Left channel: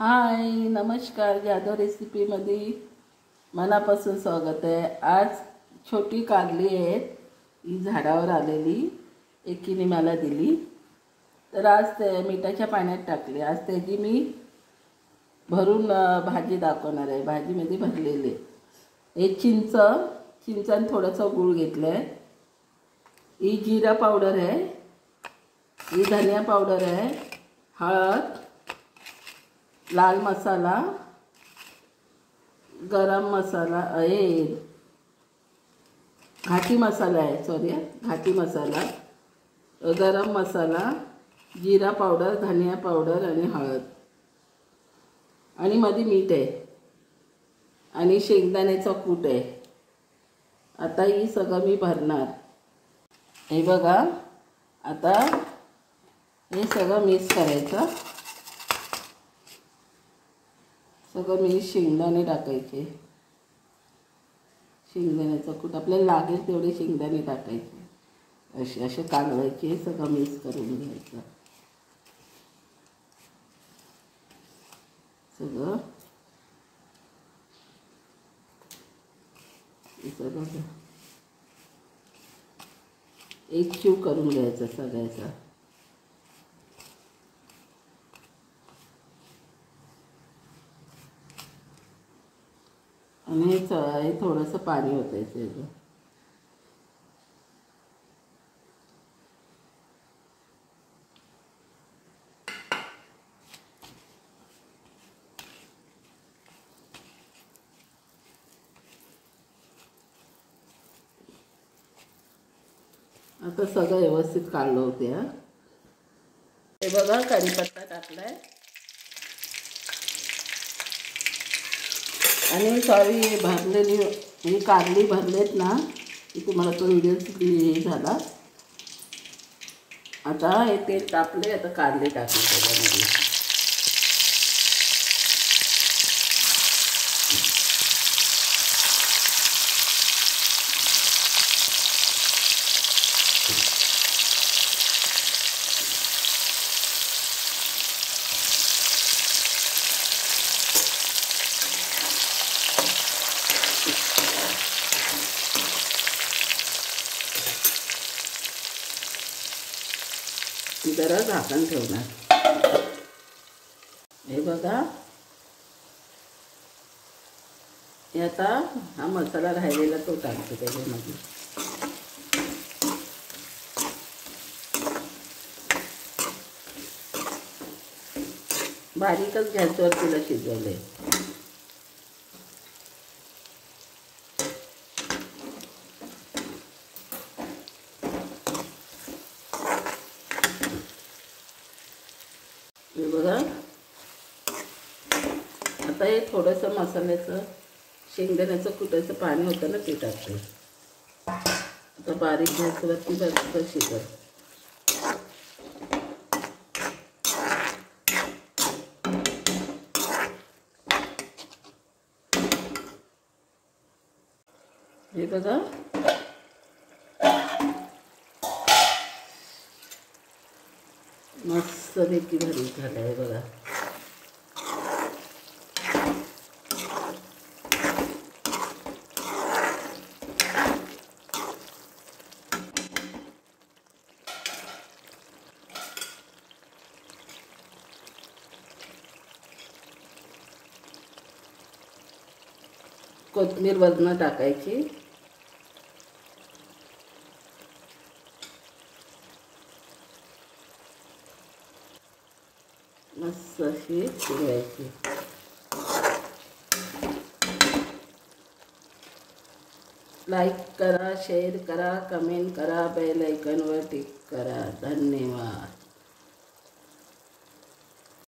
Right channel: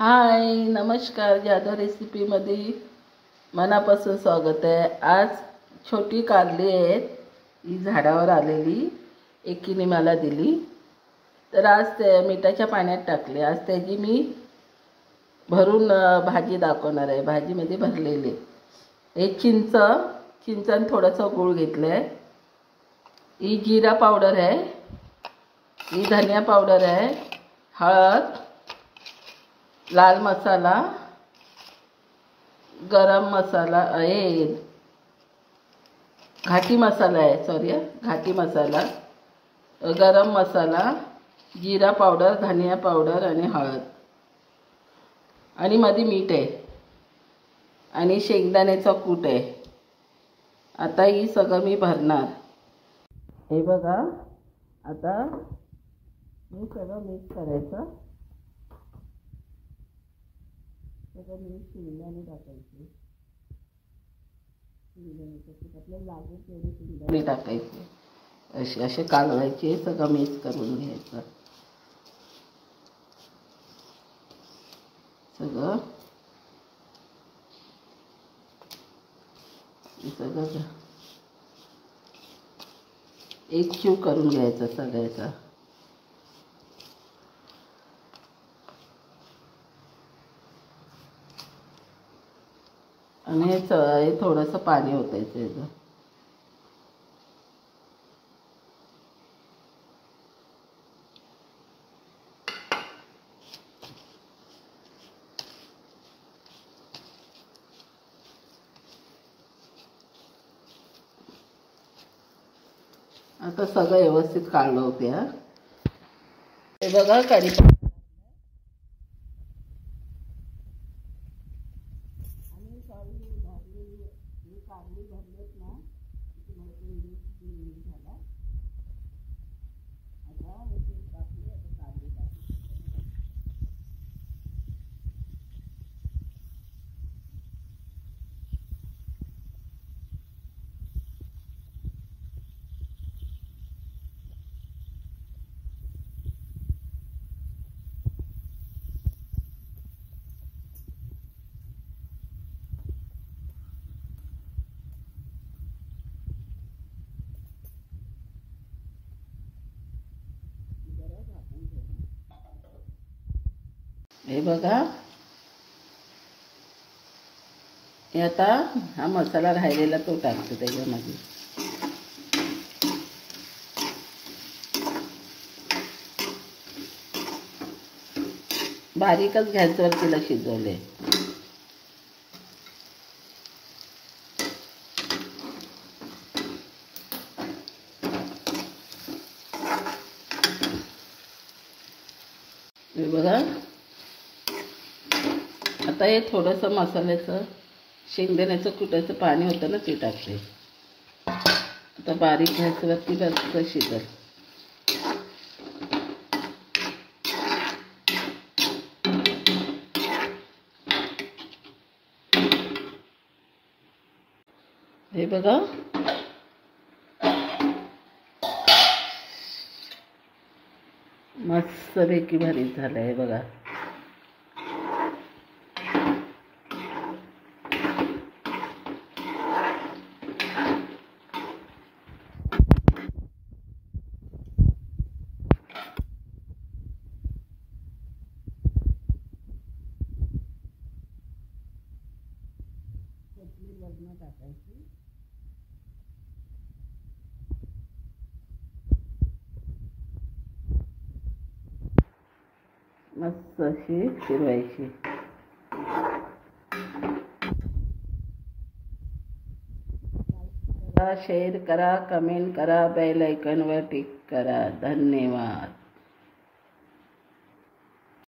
हाय नमस्कार, जाधव रेसिपीमध्ये मनापासून स्वागत आहे। आज छोटी कारली आहेत, ही झाडावर आलेली, एकीने मला दिली, तर आज ते मिठाच्या पाण्यात टाकले। आज त्याची मी भरून भाजी दाखवणार आहे। भाजीमध्ये भरलेली हे चिंचन थोडंसं गूळ घेतलं आहे, ही जिरा पावडर आहे, ही धनिया पावडर आहे, हळद, लाल मसाला, गरम मसाला, घाटी मसाला आहे, घाटी मसाला, गरम मसाला, जिरा पावडर, धनिया पावडर आणि हळद, आणि मध्ये मीठ आहे आणि शेंगदाण्याचा कूट आहे। आता ही सगळं मी भरणार। हे बघा, आता हे सगळं मिक्स करायचं। सगळं मी शेंगदाणे टाकायचे, शेंगदाण्याचा कूट आपल्याला लागेल तेवढे शेंगदाणे टाकायचे, असे कालवायचे, सगळं मिक्स करून घ्यायचं सगळं। सगळं एकजीव करून घ्यायचं सगळ्याचा। आणि हे थोडंसं पाणी ओतायचं याचं। आता सगळं व्यवस्थित काढलं होते। हे बघा, कढीपत्ता टाकलाय आणि सॉरी भरलेली ही कारली भरलेत ना, की तुम्हाला तो व्हिडिओ झाला। आता हे तेल टाकले, आता कारली टाकली त्याच्यामध्ये। जरा झाकण ठेवणार। हे बघा, हे आता हा मसाला राहिलेला तो टाकते त्याच्यामध्ये। बारीकच गॅसवर तिला शिजवले। हे बघा, आता हे थोडंसं मसाल्याचं शेंगदाण्याचं कुटाचं पाणी होतं ना, ते टाकते। आता बारीक गॅसवरती बसतं शिजत। हे बघा, मस्तपैकी भरीत झालं आहे बघा। कोथिंबीर वरनं टाकायची। मस्त अशी फिरवायची। लाईक करा, शेअर करा, कमेंट करा, बेल आयकॉनवर क्लिक करा। धन्यवाद।